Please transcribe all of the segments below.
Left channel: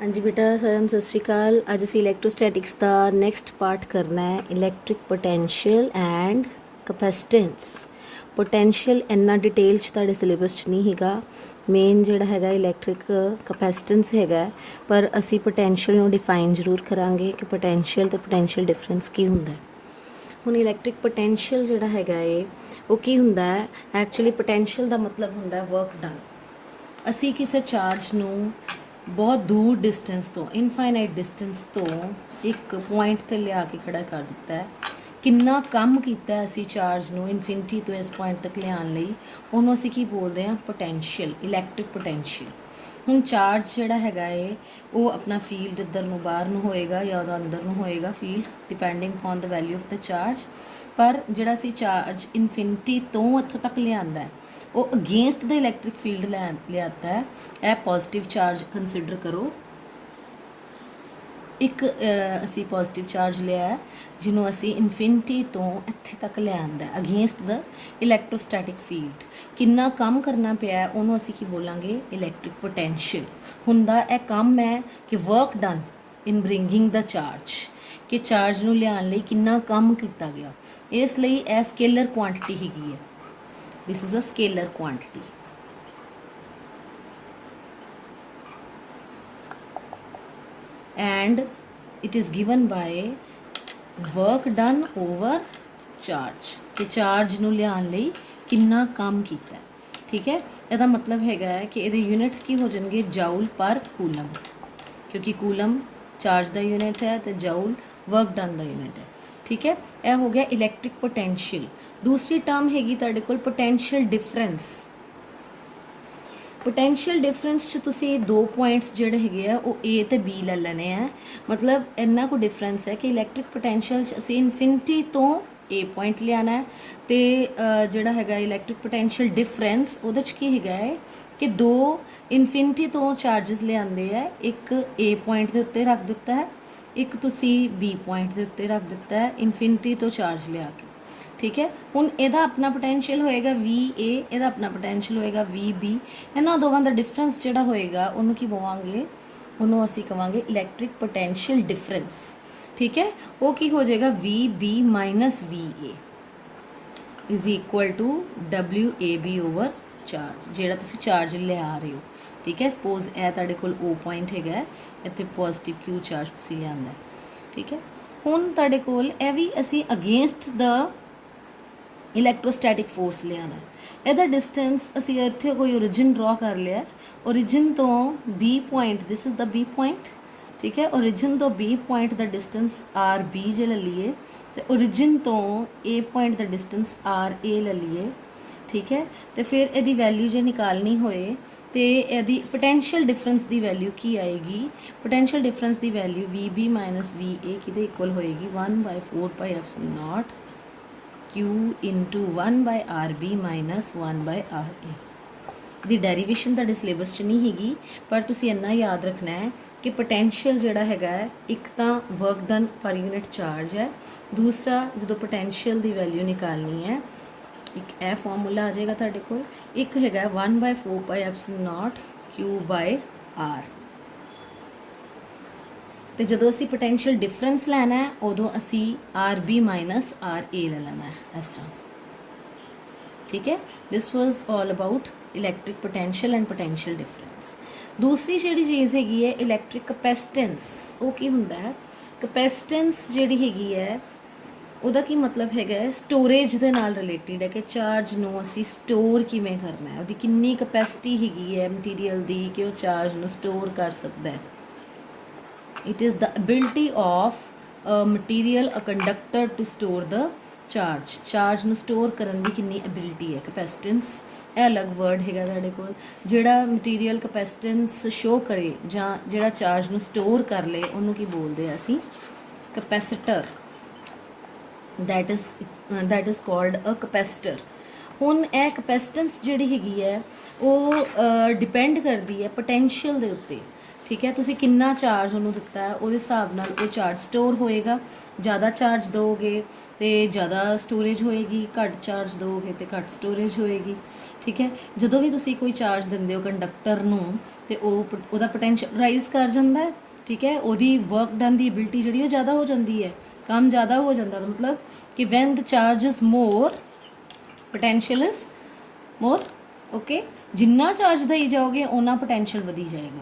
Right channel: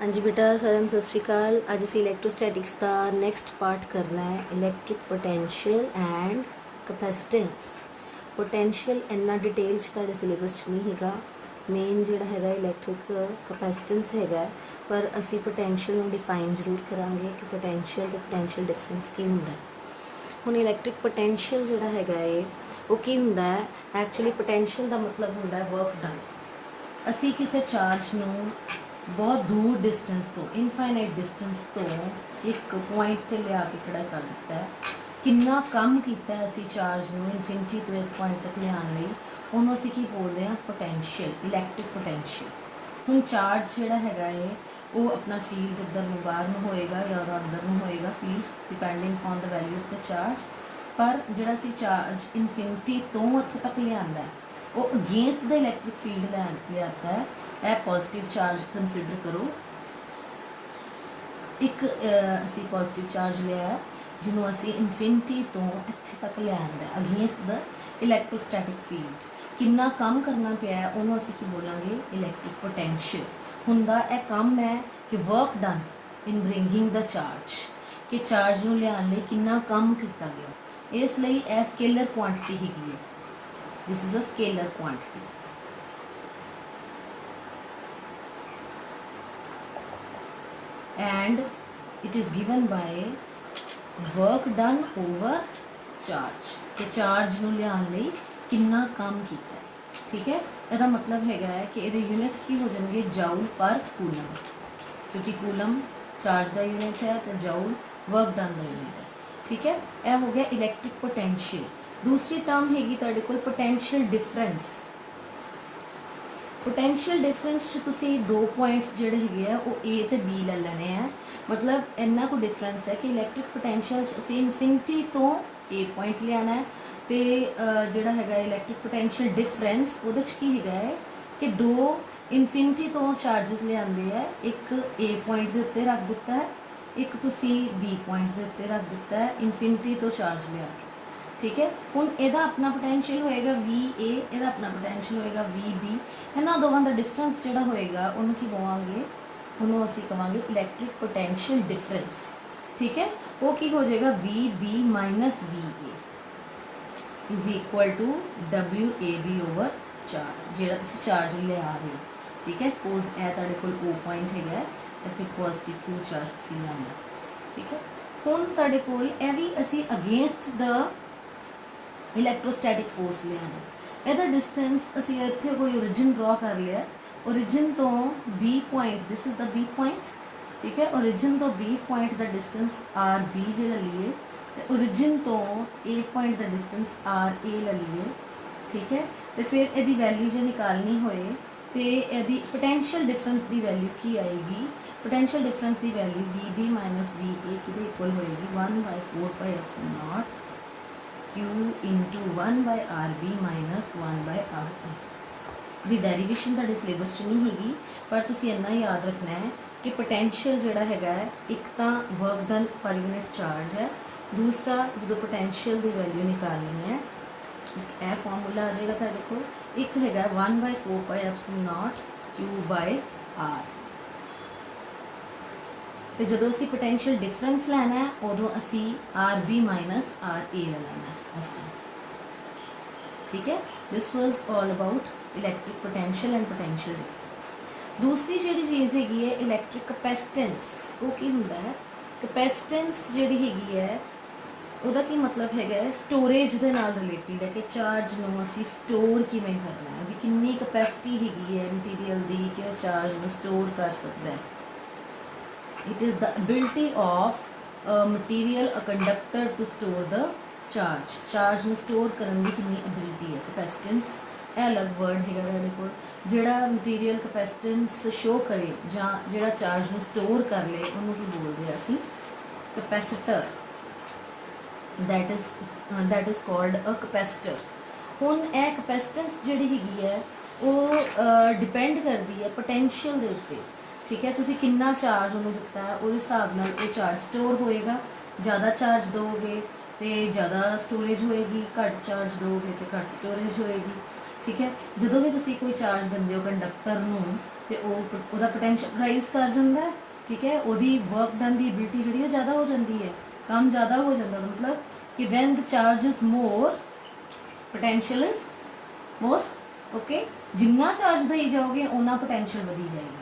हाँ जी बेटा, साਰਿਆਂ ਨੂੰ ਸਤਿ ਸ਼੍ਰੀ ਅਕਾਲ। ਅੱਜ ਅਸੀਂ ਇਲੈਕਟ੍ਰੋਸਟੈਟਿਕਸ ਦਾ ਨੈਕਸਟ ਪਾर्ट करना है, electric potential and capacitance. Potential इन्ना डिटेल च तुहाडे सिलेबस च नहीं हैगा। मेन जिहड़ा हैगा इलैक्ट्रिक कैपेसिटेंस हैगा, पर असी पोटेंशियल नूं डिफाइन जरूर करांगे कि पोटेंशियल ते पोटेंशियल डिफरेंस की हुंदा है। हुण इलैक्ट्रिक पोटेंशियल जिहड़ा हैगा वो की हुंदा है। एक्चुअली पोटेंशियल दा मतलब हुंदा है वर्क डन। असी किसी चार्ज नूं बहुत दूर डिस्टेंस तो इनफाइनाइट डिस्टेंस तो एक पॉइंट ते लिया के खड़ा कर दिता है। किन्ना काम कीता है असी चार्ज नूं इनफिनिटी तो इस पॉइंट तक लियाण लई, उहनूं असी की बोलते हैं पोटेंशियल, इलैक्ट्रिक पोटेंशियल। हुण चार्ज जिहड़ा हैगा वो अपना फील्ड इधर नूं बाहर नूं होएगा या उहदा अंदर नूं होएगा field, depending upon the value of the charge. पर जिहड़ा असी चार्ज इनफिनिटी तो इत्थों तक लिआंदा है वो अगेंस्ट द इलैक्ट्रिक फील्ड लियाता है। यह पॉजिटिव चार्ज कंसिडर करो। एक असी पॉजिटिव चार्ज लिया है जिन्हों असी इनफिनिटी तो इत्थे तक लिआंदा है अगेंस्ट द इलैक्ट्रोस्टैटिक फील्ड। किन्ना काम करना पिया है उन्होंने असी की बोलांगे इलैक्ट्रिक पोटेंशियल। हुंदा यह काम है कि work done in bringing the charge, कि चार्ज नूं लिआउण लई किन्ना काम किया गया। इसलिए यह स्केलर क्वांटिटी हैगी है। This is a scalar quantity. And it is given by work done over charge, कि चार्ज नूं लिआउण लई किन्ना काम कीता है। ठीक है, ਇਹਦਾ मतलब हैगा है कि ਇਹਦੇ यूनिट्स की हो जाएंगे जाउल पर कूलम, क्योंकि कूलम चार्ज का यूनिट है तो जाउल वर्क डन का यूनिट है। ठीक है, यह हो गया इलैक्ट्रिक पोटेंशियल। दूसरी टर्म हैगी तुहाडे कोल पोटेंशियल डिफरेंस। पोटेंशियल डिफरेंस च तुसी दो पॉइंट्स जिहड़े हैगे आ वो ए ते बी ले लेने हैं। मतलब इन्ना को डिफरेंस है कि इलैक्ट्रिक पोटेंशियल च असी इनफिनिटी तो ए पॉइंट लियाना है ते जिहड़ा हैगा इलैक्ट्रिक पोटेंशियल डिफरेंस उहदे च की हैगा है कि दो इनफिनिटी तो चार्जिस लिआंदे है। एक ए पॉइंट के उत्ते रख दिता है, एक तुसी बी पॉइंट के उत्ते रख दिता है इनफिनिटी तो चार्ज लिया के। ठीक है, हुण इहदा अपना पोटेंशियल होएगा वी ए, इहदा अपना पोटेंशियल होएगा वी बी। इन्हां दोवां दा डिफरेंस जिहड़ा होएगा उहनूं की बोवांगे, उहनूं असीं कहांगे इलैक्ट्रिक पोटेंशियल डिफरेंस। ठीक है, वो की हो जाएगा V B minus V A is equal to W A B over charge, जिहड़ा तुसीं चार्ज लिया रहे हो। ठीक है, सपोज यह तुहाडे कोल ओ पॉइंट हैगा, इत्थे पॉजिटिव क्यू चार्ज तुसीं लिआंदा। ठीक है, हुण तुहाडे कोल यह भी असीं अगेंस्ट द इलैक्ट्रोस्टैटिक फोर्स लियाना। इहदा डिस्टेंस असी इत्थे कोई ओरिजिन ड्रॉ कर लिया, ओरिजिन तो B point, this is the B point. ठीक है, ओरिजिन तो B point the distance R B जे ले लीए तो ओरिजिन तो A point the distance R A ले लीए। ठीक है, तो फिर यदि वैल्यू जो निकालनी होए तो यदि पोटेंशियल डिफरेंस की वैल्यू की आएगी। पोटेंशियल डिफरेंस की value V B minus V A कि इक्वल होएगी 1/4πε0 Q into 1/RB minus 1/RA। The derivation तुहाडे सिलेबस च नहीं हैगी, पर तुसीं इन्ना याद रखना है कि पोटेंशियल जिहड़ा हैगा एक तो work done per unit charge है, दूसरा जो पोटेंशियल की वैल्यू निकालनी है एक यह फॉर्मूला आ जाएगा तुहाडे कोल, एक हैगा 1/4πε0 Q/R। तो जो असी पोटेंशियल डिफरेंस लैना है उदों असी R B minus are A ले लेना है इस तरह। ठीक है, this was all about electric potential and potential difference. दूसरी जी चीज़ हैगी है इलैक्ट्रिक कैपेसिटेंस। वो की हुंदा है, कैपेसिटेंस जिहड़ी हैगी है उहदा की मतलब हैगा स्टोरेज दे नाल रिलेटेड है कि चार्ज नूं असी स्टोर किवें करना है, उहदी कितनी कैपेसिटी हैगी है मटीरियल दी कि वो चार्ज नूं स्टोर कर सकता है। It is the ability of a material, a conductor to store the charge. Charge ਨੂੰ स्टोर करने की कितनी एबिलिटी है कैपेसिटेंस। यह अलग वर्ड हैगा तुहाडे कोल, जिहड़ा मटीरियल कैपेसिटेंस शो करे जां जिहड़ा चार्ज ਨੂੰ स्टोर कर ले उन्होंने की बोलते हैं असी capacitor. That is called a capacitor. हुण यह कैपेसिटेंस जिहड़ी हैगी है वो डिपेंड करती है पोटेंशियल के उत्ते। ठीक है, तुसी कितना चार्ज उन्होंने दिता है उस हिसाब नाल वो चार्ज स्टोर होएगा। ज़्यादा चार्ज दोगे तो ज़्यादा स्टोरेज होएगी, घट चार्ज दोगे तो घट स्टोरेज होएगी। ठीक है। ਜਦੋਂ ਵੀ ਤੁਸੀਂ ਕੋਈ ਚਾਰਜ ਦਿੰਦੇ ਹੋ ਕੰਡਕਟਰ ਨੂੰ ਤੇ ਉਹਦਾ ਪੋਟੈਂਸ਼ੀਅਲ ਰਾਈਜ਼ ਕਰ ਜਾਂਦਾ ਹੈ, ਠੀਕ ਹੈ। ਉਹਦੀ ਵਰਕ ਡਨ ਦੀ ਐਬਿਲਿਟੀ ਜਿਹੜੀ ਉਹ ਜ਼ਿਆਦਾ ਹੋ ਜਾਂਦੀ ਹੈ, ਕੰਮ ਜ਼ਿਆਦਾ ਹੋ ਜਾਂਦਾ। ਮਤਲਬ ਕਿ van the charge is more potential is more, okay. ਜਿੰਨਾ ਚਾਰਜ ਦੇਈ ਜਾਓਗੇ ਉਹਨਾਂ ਪੋਟੈਂਸ਼ੀਅਲ ਵਧੀ ਜਾਏਗਾ,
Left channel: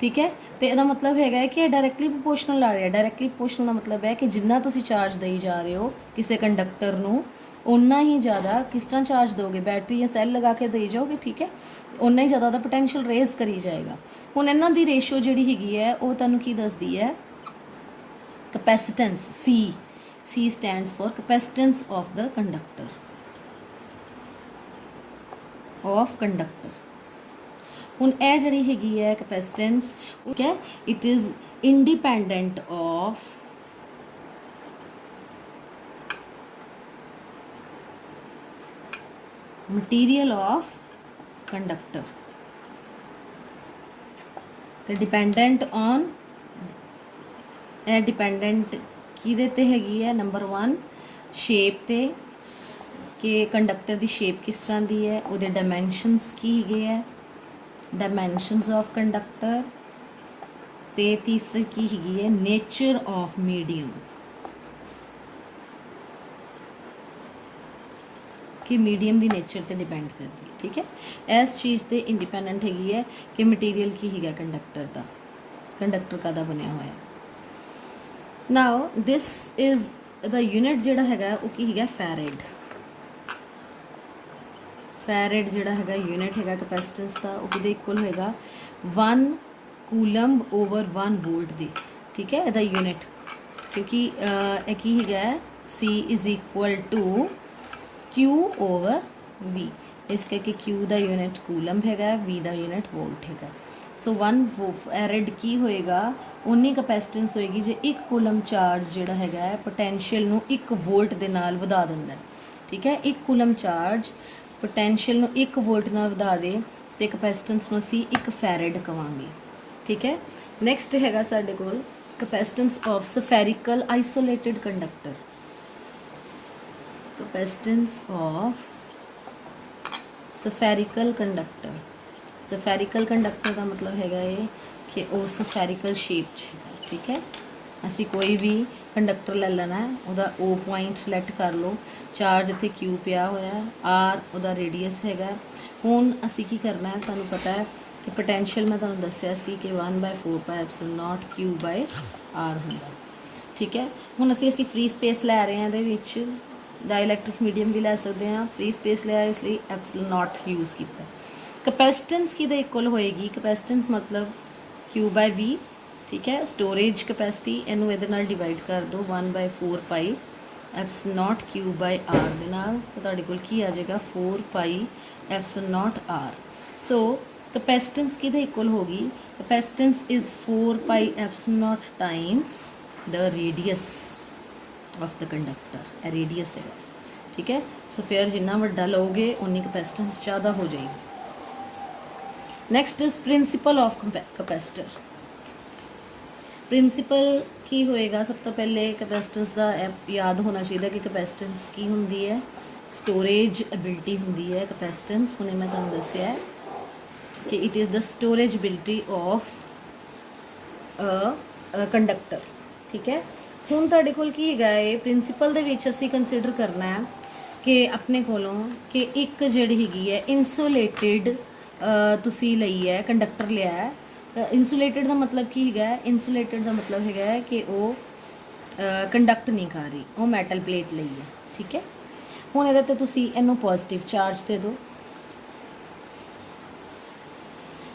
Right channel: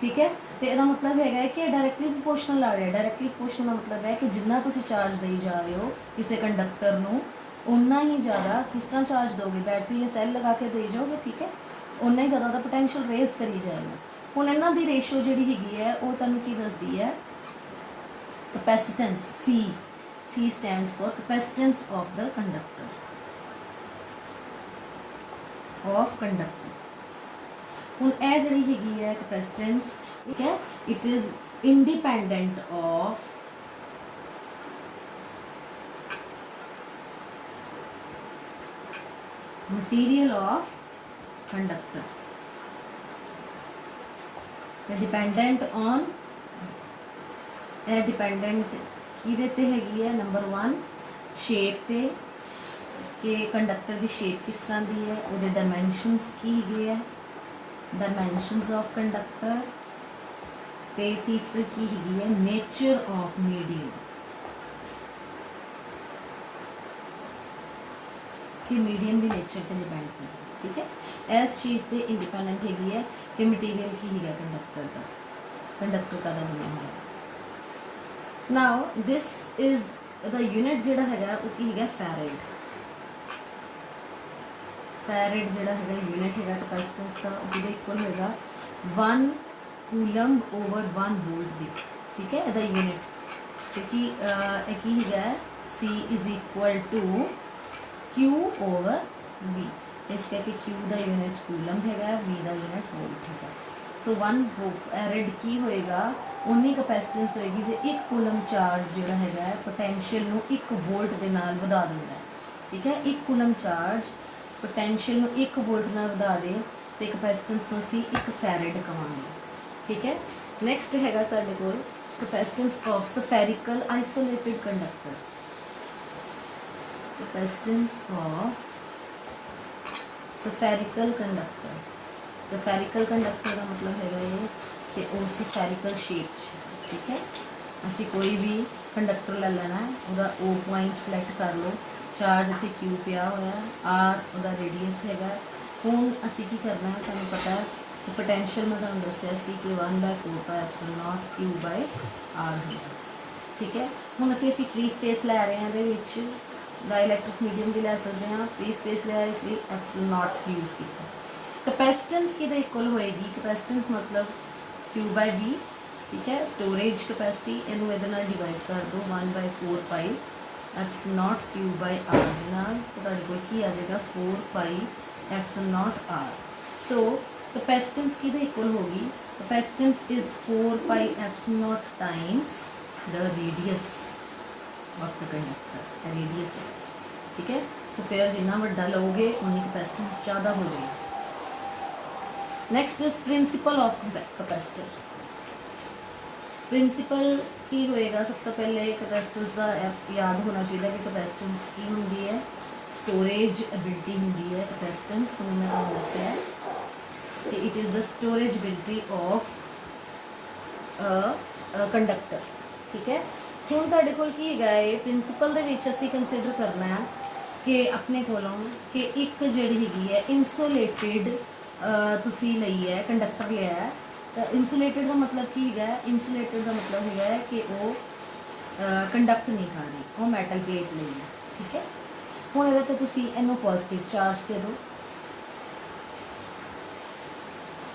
ਠੀਕ ਹੈ। ਤੇ ਇਹਦਾ ਮਤਲਬ ਹੈਗਾ ਕਿ ਇਹ ਡਾਇਰੈਕਟਲੀ ਪ੍ਰੋਪੋਰਸ਼ਨਲ ਆ ਰਿਹਾ। ਡਾਇਰੈਕਟਲੀ ਪ੍ਰੋਪੋਰਸ਼ਨਲ ਦਾ ਮਤਲਬ ਹੈ ਕਿ ਜਿੰਨਾ ਤੁਸੀਂ ਚਾਰਜ ਦੇਈ ਜਾ ਰਹੇ ਹੋ ਕਿਸੇ ਕੰਡਕਟਰ ਨੂੰ, ਉਨਾ ਹੀ ਜ਼ਿਆਦਾ ਕਿਸ ਤਰ੍ਹਾਂ ਚਾਰਜ ਦੋਗੇ, ਬੈਟਰੀ ਜਾਂ ਸੈੱਲ ਲਗਾ ਕੇ ਦੇਈ ਜਾਓਗੇ, ਠੀਕ ਹੈ। ਉਨਾ ਹੀ ਜ਼ਿਆਦਾ ਉਹਦਾ ਪੋਟੈਂਸ਼ੀਅਲ ਰੇਜ਼ ਕਰੀ ਜਾਏਗਾ। ਹੁਣ ਇਹਨਾਂ ਦੀ ਰੇਸ਼ੋ ਜਿਹੜੀ ਹੈਗੀ ਹੈ ਉਹ ਤੁਹਾਨੂੰ ਕੀ ਦੱਸਦੀ ਹੈ, ਕਪੈਸਿਟੈਂਸ। C stands for capacitance of the conductor, ਹੁਣ ਇਹ ਜਿਹੜੀ ਹੈਗੀ ਹੈ ਕਪੈਸਿਟੈਂਸ, ਠੀਕ ਹੈ, it is independent of material of conductor ਤੇ ਡਿਪੈਂਡੈਂਟ ਔਨ, ਇਹ ਡਿਪੈਂਡੈਂਟ ਕਿਹਦੇ ਤੇ ਹੈਗੀ ਹੈ, ਨੰਬਰ 1 ਸ਼ੇਪ ਤੇ, ਕਿ ਕੰਡਕਟਰ ਦੀ ਸ਼ੇਪ ਕਿਸ ਤਰ੍ਹਾਂ ਦੀ ਹੈ, ਉਹਦੇ ਡਾਇਮੈਂਸ਼ਨਸ ਕੀ ਹੈਗੇ ਹੈ, ਡਾਇਮੈਂਸ਼ਨਸ ਆਫ ਕੰਡਕਟਰ, ਤੇ ਤੀਸਰੀ ਕੀ ਹੈਗੀ ਹੈ, ਨੇਚਰ ਆਫ ਮੀਡੀਅਮ, ਕਿ ਮੀਡੀਅਮ ਦੀ ਨੇਚਰ ਤੇ ਡਿਪੈਂਡ ਕਰਦੀ, ਠੀਕ ਹੈ। ਇਸ ਚੀਜ਼ ਤੇ ਇੰਡੀਪੈਂਡੈਂਟ ਹੈਗੀ ਹੈ ਕਿ ਮਟੀਰੀਅਲ ਕੀ ਹੈਗਾ ਕੰਡਕਟਰ ਦਾ, ਕੰਡਕਟਰ ਕਾਹਦਾ ਬਣਿਆ ਹੋਇਆ। ਨਾਓ ਦਿਸ ਇਜ਼ ਦਾ ਯੂਨਿਟ ਜਿਹੜਾ ਹੈਗਾ ਉਹ ਕੀ ਹੈਗਾ, ਫੈਰਡ। ਫੈਰਡ ਜਿਹੜਾ ਹੈਗਾ ਯੂਨਿਟ ਹੈਗਾ ਕਪੈਸਿਟੈਂਸ ਦਾ, ਉਹ ਕਿਹਦੇ ਇਕੁਅਲ ਹੋਏਗਾ, 1 ਕੂਲਮ ਓਵਰ 1 ਵੋਲਟ ਦੀ, ਠੀਕ ਹੈ। ਇਹਦਾ ਯੂਨਿਟ, ਕਿਉਂਕਿ ਇਹ ਕੀ ਹੈਗਾ, C is equal to Q over V, ਇਸ ਕਰਕੇ Q ਦਾ ਯੂਨਿਟ ਕੂਲਮ ਹੈਗਾ, V ਦਾ ਯੂਨਿਟ ਵੋਲਟ ਹੈਗਾ। ਸੋ 1 ਫੈਰਡ ਕੀ ਹੋਏਗਾ, ਉਨੀ ਕਪੈਸਿਟੈਂਸ ਹੋਏਗੀ ਜੇ 1 ਕੂਲਮ ਚਾਰਜ ਜਿਹੜਾ ਹੈਗਾ ਹੈ ਪੋਟੈਂਸ਼ੀਅਲ ਨੂੰ 1 ਵੋਲਟ ਦੇ ਨਾਲ ਵਧਾ ਦਿੰਦਾ ਹੈ, ਠੀਕ ਹੈ। 1 ਕੂਲਮ ਚਾਰਜ ਪੋਟੈਂਸ਼ੀਅਲ ਨੂੰ 1 ਵੋਲਟ ਨਾਲ ਵਧਾ ਦੇ ਤੇ ਕਪੈਸਿਟੈਂਸ ਨੂੰ ਅਸੀਂ 1 ਫੈਰਡ ਕਵਾਂਗੇ, ਠੀਕ ਹੈ। ਨੈਕਸਟ ਹੈਗਾ ਸਾਡੇ ਕੋਲ capacitance of spherical isolated conductor. Capacitance of spherical conductor, spherical conductor ਦਾ ਮਤਲਬ ਹੈਗਾ ਇਹ ਕਿ ਉਹ ਸਫੈਰਿਕਲ ਸ਼ੇਪ 'ਚ, ਠੀਕ ਹੈ। ਅਸੀਂ ਕੋਈ ਵੀ ਕੰਡਕਟਰ ਲੈ ਲੈਣਾ, ਉਹਦਾ O ਪੁਆਇੰਟ ਸਿਲੈਕਟ ਕਰ ਲਓ, ਚਾਰਜ ਇੱਥੇ Q ਪਿਆ ਹੋਇਆ, R ਉਹਦਾ ਰੇਡੀਅਸ ਹੈਗਾ। ਹੁਣ ਅਸੀਂ ਕੀ ਕਰਨਾ ਹੈ, ਸਾਨੂੰ ਪਤਾ ਹੈ ਕਿ ਪੋਟੈਂਸ਼ੀਅਲ ਮੈਂ ਤੁਹਾਨੂੰ ਦੱਸਿਆ ਸੀ ਕਿ 1/4πε0 Q/R ਹੁੰਦਾ, ਠੀਕ ਹੈ। ਹੁਣ ਅਸੀਂ ਫ੍ਰੀ ਸਪੇਸ ਲੈ ਰਹੇ ਹਾਂ, ਇਹਦੇ ਵਿੱਚ ਡਾਇਲੈਕਟ੍ਰਿਕ ਮੀਡੀਅਮ ਵੀ ਲੈ ਸਕਦੇ ਹਾਂ, ਫ੍ਰੀ ਸਪੇਸ ਲਿਆ ਇਸ ਲਈ ε0 ਯੂਜ਼ ਕੀਤਾ। ਕਪੈਸਿਟੈਂਸ ਕਿਹਦੇ ਇਕੁਅਲ ਹੋਏਗੀ, ਕਪੈਸਿਟੈਂਸ ਮਤਲਬ Q/V, ਠੀਕ ਹੈ। ਸਟੋਰੇਜ ਕਪੈਸਿਟੀ ਇਹਨੂੰ ਇਹਦੇ ਨਾਲ ਡਿਵਾਈਡ ਕਰ ਦਿਓ 1/4πε0 Q/R ਦੇ ਨਾਲ, ਤਾਂ ਤੁਹਾਡੇ ਕੋਲ ਕੀ ਆ ਜਾਏਗਾ 4πε0 R। ਸੋ ਕਪੈਸਿਟੈਂਸ ਕਿਹਦੇ ਇਕੁਅਲ ਹੋਗੀ, capacitance is 4πε0 times the radius of the conductor, ਇਹ ਰੇਡੀਅਸ ਹੈ, ਠੀਕ ਹੈ। ਸੋ ਫਿਰ ਜਿੰਨਾ ਵੱਡਾ ਲਓਗੇ ਉਨੀ ਕਪੈਸਿਟੈਂਸ ਜ਼ਿਆਦਾ ਹੋ ਜਾਏਗੀ। Next is principle of capacitor. Principle ਕੀ ਹੋਏਗਾ, ਸਭ ਤੋਂ ਪਹਿਲੇ ਕਪੈਸਿਟੈਂਸ ਦਾ ਯਾਦ ਹੋਣਾ ਚਾਹੀਦਾ ਕਿ ਕਪੈਸਿਟੈਂਸ ਕੀ ਹੁੰਦੀ ਹੈ, ਸਟੋਰੇਜ ਐਬਿਲਿਟੀ ਹੁੰਦੀ ਹੈ ਕਪੈਸਿਟੈਂਸ। ਹੁਣ ਮੈਂ ਤੁਹਾਨੂੰ ਦੱਸਿਆ ਕਿ it is the storage ability of conductor, ਠੀਕ ਹੈ। ਹੁਣ ਤੁਹਾਡੇ ਕੋਲ ਕੀ ਹੈਗਾ ਹੈ, ਪ੍ਰਿੰਸੀਪਲ ਦੇ ਵਿੱਚ ਅਸੀਂ ਕੰਸੀਡਰ ਕਰਨਾ ਹੈ ਕਿ ਆਪਣੇ ਕੋਲੋਂ ਕਿ ਇੱਕ ਜਿਹੜੀ ਹੈਗੀ ਹੈ ਇਨਸੂਲੇਟਿਡ ਤੁਸੀਂ ਲਈ ਹੈ, ਕੰਡਕਟਰ ਲਿਆ ਹੈ। ਇਨਸੂਲੇਟਿਡ ਦਾ ਮਤਲਬ ਕੀ ਹੈਗਾ, ਇਨਸੂਲੇਟਿਡ ਦਾ ਮਤਲਬ ਹੈਗਾ ਕਿ ਉਹ ਕੰਡਕਟ ਨਹੀਂ ਕਰ ਰਹੀ, ਉਹ ਮੈਟਲ ਪਲੇਟ ਲਈ ਹੈ, ਠੀਕ ਹੈ। ਹੁਣ ਇਹਦੇ ਤੇ ਤੁਸੀਂ ਇਹਨੂੰ ਪੋਜ਼ਿਟਿਵ ਚਾਰਜ ਦੇ ਦਿਓ,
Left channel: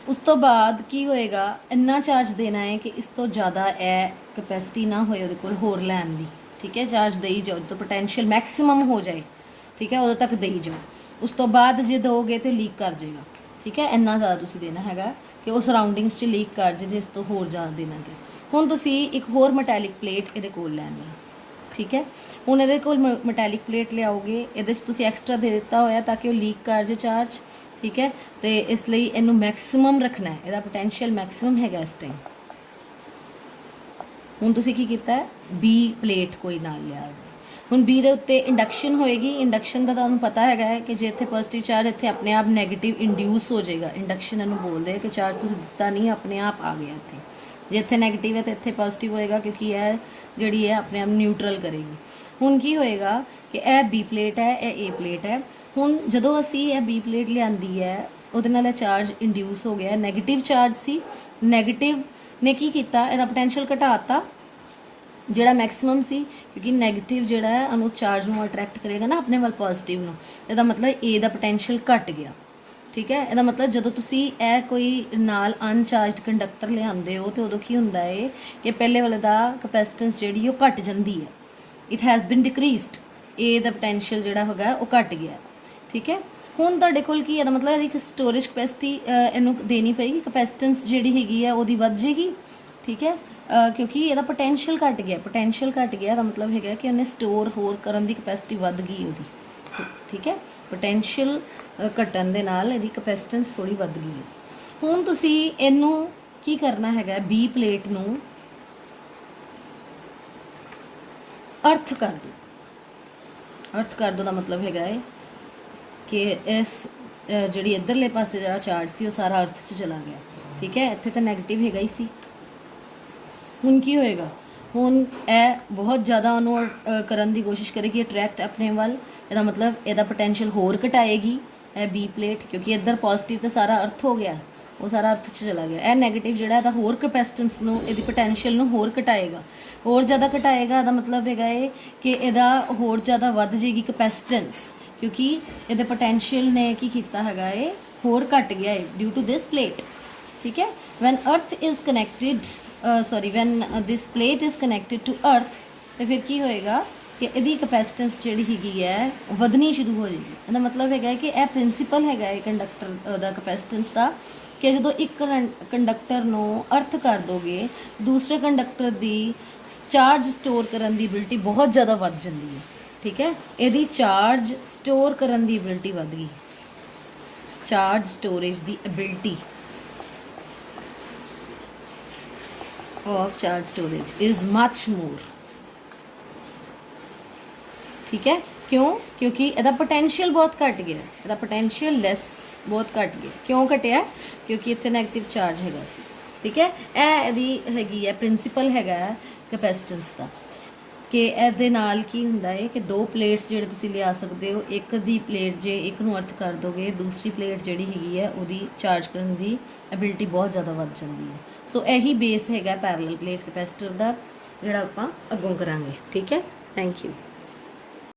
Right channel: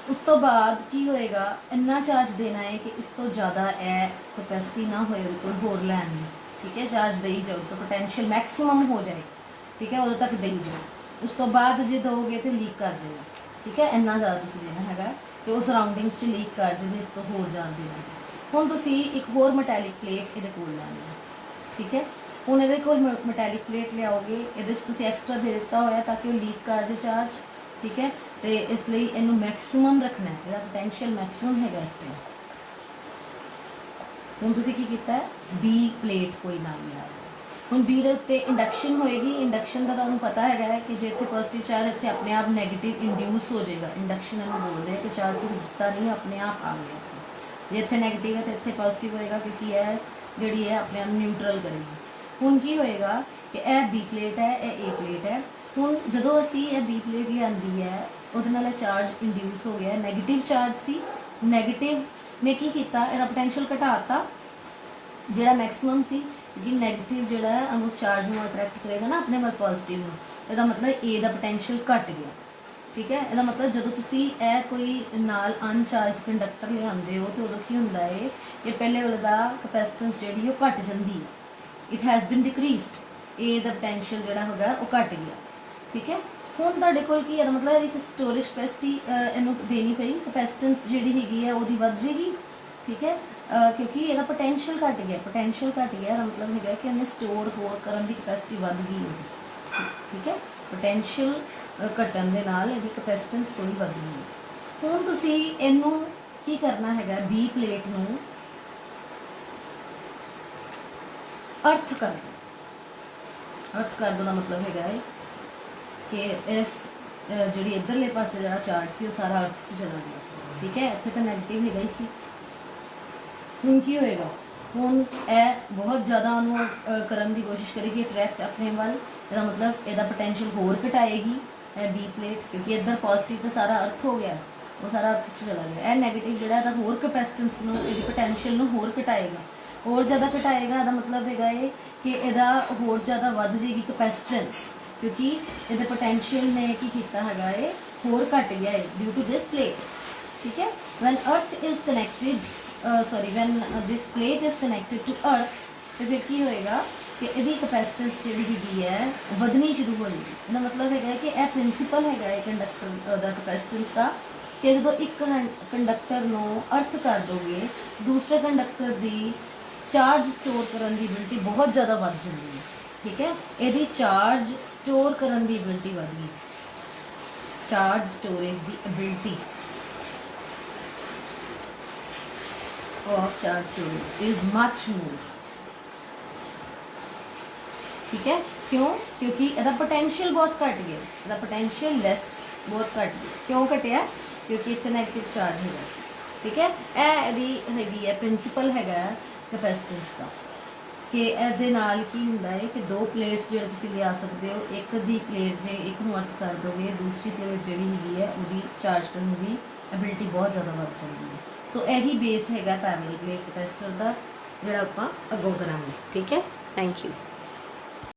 ਉਸ ਤੋਂ ਬਾਅਦ ਕੀ ਹੋਏਗਾ, ਇੰਨਾ ਚਾਰਜ ਦੇਣਾ ਹੈ ਕਿ ਇਸ ਤੋਂ ਜ਼ਿਆਦਾ ਇਹ ਕਪੈਸਿਟੀ ਨਾ ਹੋਏ ਉਹਦੇ ਕੋਲ ਹੋਰ ਲੈਣ ਦੀ, ਠੀਕ ਹੈ। ਚਾਰਜ ਦੇਈ ਜਾਓ ਤਾਂ ਪੋਟੈਂਸ਼ੀਅਲ ਮੈਕਸਿਮਮ ਹੋ ਜਾਏ, ਠੀਕ ਹੈ, ਉਦੋਂ ਤੱਕ ਦੇਈ ਜਾਓ। ਉਸ ਤੋਂ ਬਾਅਦ ਜੇ ਦੋਗੇ ਤਾਂ ਲੀਕ ਕਰ ਜਾਏਗਾ, ਠੀਕ ਹੈ। ਇੰਨਾ ਜ਼ਿਆਦਾ ਤੁਸੀਂ ਦੇਣਾ ਹੈਗਾ ਕਿ ਉਹ ਸਰਾਊਂਡਿੰਗਸ 'ਚ ਲੀਕ ਕਰ ਜਾਏ, ਜੇ ਇਸ ਤੋਂ ਹੋਰ ਜ਼ਿਆਦਾ ਦੇਣਾ ਤੇ। ਹੁਣ ਤੁਸੀਂ ਇੱਕ ਹੋਰ ਮੈਟੈਲਿਕ ਪਲੇਟ ਇਹਦੇ ਕੋਲ ਲੈਣੀ ਹੈ, ਠੀਕ ਹੈ। ਹੁਣ ਇਹਦੇ ਕੋਲ ਮੈਟੈਲਿਕ ਪਲੇਟ ਲਿਆਓਗੇ, ਇਹਦੇ 'ਚ ਤੁਸੀਂ ਐਕਸਟਰਾ ਦੇ ਦਿੱਤਾ ਹੋਇਆ ਤਾਂ ਕਿ ਉਹ ਲੀਕ ਕਰ ਜਾਏ ਚਾਰਜ, ਠੀਕ ਹੈ। ਤੇ ਇਸ ਲਈ ਇਹਨੂੰ ਮੈਕਸਿਮਮ ਰੱਖਣਾ ਹੈ, ਇਹਦਾ ਪੋਟੈਂਸ਼ੀਅਲ ਮੈਕਸਿਮਮ ਹੈਗਾ ਇਸ ਟਾਈਮ। ਹੁਣ ਤੁਸੀਂ ਕੀ ਕੀਤਾ ਹੈ, B ਪਲੇਟ ਕੋਈ ਨਾਲ ਲਿਆ, ਹੁਣ ਬੀ ਦੇ ਉੱਤੇ ਇੰਡਕਸ਼ਨ ਹੋਏਗੀ। ਇੰਡਕਸ਼ਨ ਦਾ ਤੁਹਾਨੂੰ ਪਤਾ ਹੈਗਾ ਹੈ ਕਿ ਜੇ ਇੱਥੇ ਪੋਜ਼ਿਟਿਵ ਚਾਰਜ ਇੱਥੇ ਆਪਣੇ ਆਪ ਨੈਗੇਟਿਵ ਇੰਡਿਊਸ ਹੋ ਜਾਏਗਾ। ਇੰਡਕਸ਼ਨ ਇਹਨੂੰ ਬੋਲਦੇ ਆ ਕਿ ਚਾਰਜ ਤੁਸੀਂ ਦਿੱਤਾ ਨਹੀਂ, ਆਪਣੇ ਆਪ ਆ ਗਿਆ ਇੱਥੇ। ਜੇ ਇੱਥੇ ਨੈਗੇਟਿਵ ਹੈ ਤਾਂ ਇੱਥੇ ਪੋਜ਼ਿਟਿਵ ਹੋਏਗਾ, ਕਿਉਂਕਿ ਇਹ ਜਿਹੜੀ ਹੈ ਆਪਣੇ ਆਪ ਨਿਊਟਰਲ ਕਰੇਗੀ। ਹੁਣ ਕੀ ਹੋਏਗਾ ਕਿ ਇਹ ਬੀ ਪਲੇਟ ਹੈ, ਇਹ ਏ ਪਲੇਟ ਹੈ। ਹੁਣ ਜਦੋਂ ਅਸੀਂ ਇਹ ਬੀ ਪਲੇਟ ਲਿਆਂਦੀ ਹੈ, ਉਹਦੇ ਨਾਲ ਇਹ ਚਾਰਜ ਇੰਡਿਊਸ ਹੋ ਗਿਆ, ਨੈਗੇਟਿਵ ਚਾਰਜ ਸੀ। ਨੈਗੇਟਿਵ ਨੇ ਕੀ ਕੀਤਾ, ਇਹਦਾ ਪੋਟੈਂਸ਼ੀਅਲ ਘਟਾਤਾ ਜਿਹੜਾ ਮੈਕਸਿਮਮ ਸੀ, ਕਿਉਂਕਿ ਨੈਗੇਟਿਵ ਜਿਹੜਾ ਹੈ ਉਹਨੂੰ ਚਾਰਜ ਨੂੰ ਅਟਰੈਕਟ ਕਰੇਗਾ ਨਾ ਆਪਣੇ ਵੱਲ ਪੋਜ਼ਿਟਿਵ ਨੂੰ। ਇਹਦਾ ਮਤਲਬ ਏ ਦਾ ਪੋਟੈਂਸ਼ੀਅਲ ਘਟ ਗਿਆ। ਠੀਕ ਹੈ, ਇਹਦਾ ਮਤਲਬ ਜਦੋਂ ਤੁਸੀਂ ਇਹ ਕੋਈ ਨਾਲ ਅਨਚਾਰਜਡ ਕੰਡਕਟਰ ਲਿਆਉਂਦੇ ਹੋ ਤਾਂ ਉਦੋਂ ਕੀ ਹੁੰਦਾ ਹੈ ਕਿ ਪਹਿਲੇ ਵਾਲੇ ਦਾ ਕਪੈਸਿਟੈਂਸ ਜਿਹੜੀ ਉਹ ਘਟ ਜਾਂਦੀ ਹੈ। ਇਟ ਹੈਜ਼ ਬਿਨ ਡਿਕਰੀਜ਼ਡ, ਏ ਦਾ ਪੋਟੈਂਸ਼ੀਅਲ ਜਿਹੜਾ ਹੈਗਾ ਉਹ ਘਟ ਗਿਆ। ਠੀਕ ਹੈ, ਹੁਣ ਤੁਹਾਡੇ ਕੋਲ ਕੀ ਇਹਦਾ ਮਤਲਬ ਇਹਦੀ ਸਟੋਰੇਜ ਕਪੈਸਿਟੀ ਇਹਨੂੰ ਦੇਣੀ ਪਏਗੀ, ਕਪੈਸਿਟੈਂਸ ਜਿਹੜੀ ਹੈਗੀ ਹੈ ਉਹਦੀ ਵੱਧ ਜਾਏਗੀ। ਠੀਕ ਹੈ, ਕਿਉਂਕਿ ਇਹਦਾ ਪੋਟੈਂਸ਼ੀਅਲ ਘਟ ਗਿਆ। ਪੋਟੈਂਸ਼ੀਅਲ ਘਟ ਗਿਆ ਦਾ ਮਤਲਬ ਹੈਗਾ ਕਿ ਉਹਨੇ ਸਟੋਰ ਹੋਰ ਕਰਨ ਦੀ ਕਪੈਸਿਟੀ ਵੱਧ ਗਈ ਉਹਦੀ। ਠੀਕ ਹੈ, ਪੋਟੈਂਸ਼ੀਅਲ ਘਟਣ ਦੇ ਨਾਲ ਇਹਦੀ ਕਪੈਸਿਟੈਂਸ ਥੋੜੀ ਵੱਧ ਗਈ ਹੈ। ਹੁਣ ਤੁਸੀਂ ਇਹਨੂੰ ਕੀ ਕਰਨਾ ਹੈਗਾ, ਬੀ ਪਲੇਟ ਨੂੰ ਅਰਥ ਕਰ ਦਿਓ। ਅਰਥ ਕਰ ਦਿਓ ਦਾ ਮਤਲਬ ਹੈਗਾ ਹੈ ਕਿ ਇਸ ਜਿਹੜੀ ਇੱਧਰਲੇ ਪਾਸੇ ਜਿਹੜਾ ਚਾਰਜ ਸੀ ਉਹ ਸਾਰਾ ਅਰਥ 'ਚ ਚਲਾ ਗਿਆ। ਠੀਕ ਹੈ, ਇੱਥੇ ਤਾਂ ਨੈਗੇਟਿਵ ਹੈਗਾ ਹੀ ਸੀ। ਹੁਣ ਕੀ ਹੋਏਗਾ, ਹੁਣ ਇਹ ਬਹੁਤ ਜ਼ਿਆਦਾ ਉਹਨੂੰ ਕਰਨ ਦੀ ਕੋਸ਼ਿਸ਼ ਕਰੇਗੀ, ਅਟਰੈਕਟ ਆਪਣੇ ਵੱਲ। ਇਹਦਾ ਮਤਲਬ ਇਹਦਾ ਪੋਟੈਂਸ਼ੀਅਲ ਹੋਰ ਘਟਾਏਗੀ ਇਹ ਬੀ ਪਲੇਟ, ਕਿਉਂਕਿ ਇੱਧਰ ਪੋਜ਼ਿਟਿਵ ਤਾਂ ਸਾਰਾ ਅਰਥ ਹੋ ਗਿਆ, ਉਹ ਸਾਰਾ ਅਰਥ 'ਚ ਚਲਾ ਗਿਆ। ਇਹ ਨੈਗੇਟਿਵ ਜਿਹੜਾ ਇਹਦਾ ਹੋਰ ਕਪੈਸਿਟੈਂਸ ਨੂੰ, ਇਹਦੀ ਪੋਟੈਂਸ਼ੀਅਲ ਨੂੰ ਹੋਰ ਘਟਾਏਗਾ, ਹੋਰ ਜ਼ਿਆਦਾ ਘਟਾਏਗਾ। ਇਹਦਾ ਮਤਲਬ ਹੈਗਾ ਇਹ ਕਿ ਇਹਦਾ ਹੋਰ ਜ਼ਿਆਦਾ ਵੱਧ ਜਾਏਗੀ ਕਪੈਸਿਟੈਂਸ, ਕਿਉਂਕਿ ਇਹਦੇ ਪੋਟੈਂਸ਼ੀਅਲ ਨੇ ਕੀ ਕੀਤਾ ਹੈਗਾ ਇਹ ਹੋਰ ਘਟ ਗਿਆ ਹੈ ਡਿਊ ਟੂ ਦਿਸ ਪਲੇਟ। ਠੀਕ ਹੈ, when earth is connected when this plate is connected to earth, ਤੇ ਫਿਰ ਕੀ ਹੋਏਗਾ ਕਿ ਇਹਦੀ ਕਪੈਸਿਟੈਂਸ ਜਿਹੜੀ ਹੈਗੀ ਹੈ ਵਧਣੀ ਸ਼ੁਰੂ ਹੋ ਜਾਏਗੀ। ਇਹਦਾ ਮਤਲਬ ਹੈਗਾ ਕਿ ਇਹ ਪ੍ਰਿੰਸੀਪਲ ਹੈਗਾ ਹੈ ਕੰਡਕਟਰ ਦਾ ਕਪੈਸਿਟੈਂਸ ਦਾ, ਕਿ ਜਦੋਂ ਇੱਕ ਕੰਡਕਟਰ ਨੂੰ ਅਰਥ ਕਰ ਦੋਗੇ, ਦੂਸਰੇ ਕੰਡਕਟਰ ਦੀ ਚਾਰਜ ਸਟੋਰ ਕਰਨ ਦੀ ਐਬਿਲਿਟੀ ਬਹੁਤ ਜ਼ਿਆਦਾ ਵੱਧ ਜਾਂਦੀ ਹੈ। ਠੀਕ ਹੈ, ਇਹਦੀ ਚਾਰਜ ਸਟੋਰ ਕਰਨ ਦੀ ਐਬਿਲਿਟੀ ਵੱਧ ਗਈ, charge storage the ability of charge storage is much more। ठीक है, क्यों? क्योंकि ਇਹਦਾ ਪੋਟੈਂਸ਼ੀਅਲ ਬਹੁਤ ਘਟ ਗਿਆ, ਇਹਦਾ ਪੋਟੈਂਸ਼ੀਅਲ ਲੈਸ ਬਹੁਤ ਘਟ ਗਿਆ। ਕਿਉਂ ਘਟਿਆ? ਕਿਉਂਕਿ ਇੱਥੇ ਨੈਗੇਟਿਵ ਚਾਰਜ ਹੈਗਾ ਸੀ। ਠੀਕ ਹੈ, ਇਹ ਇਹਦੀ ਹੈਗੀ ਹੈ ਪ੍ਰਿੰਸੀਪਲ ਹੈਗਾ ਕਪੈਸਿਟੈਂਸ ਦਾ, ਕਿ ਇਹਦੇ ਨਾਲ ਕੀ ਹੁੰਦਾ ਹੈ ਕਿ ਦੋ ਪਲੇਟਸ ਜਿਹੜੇ ਤੁਸੀਂ ਲਿਆ ਸਕਦੇ ਹੋ, ਇੱਕ ਦੀ ਪਲੇਟ ਜੇ ਇੱਕ ਨੂੰ ਅਰਥ ਕਰ ਦੋਗੇ, ਦੂਸਰੀ ਪਲੇਟ ਜਿਹੜੀ ਹੈਗੀ ਹੈ ਉਹਦੀ ਚਾਰਜ ਕਰਨ ਦੀ ਐਬਿਲਿਟੀ ਬਹੁਤ ਜ਼ਿਆਦਾ ਵੱਧ ਜਾਂਦੀ ਹੈ। ਸੋ ਇਹੀ ਬੇਸ ਹੈਗਾ ਪੈਰਲਲ ਪਲੇਟ ਕਪੈਸਿਟਰ ਦਾ, ਜਿਹੜਾ ਆਪਾਂ ਅੱਗੋਂ ਕਰਾਂਗੇ। ਠੀਕ ਹੈ, ਥੈਂਕ ਯੂ।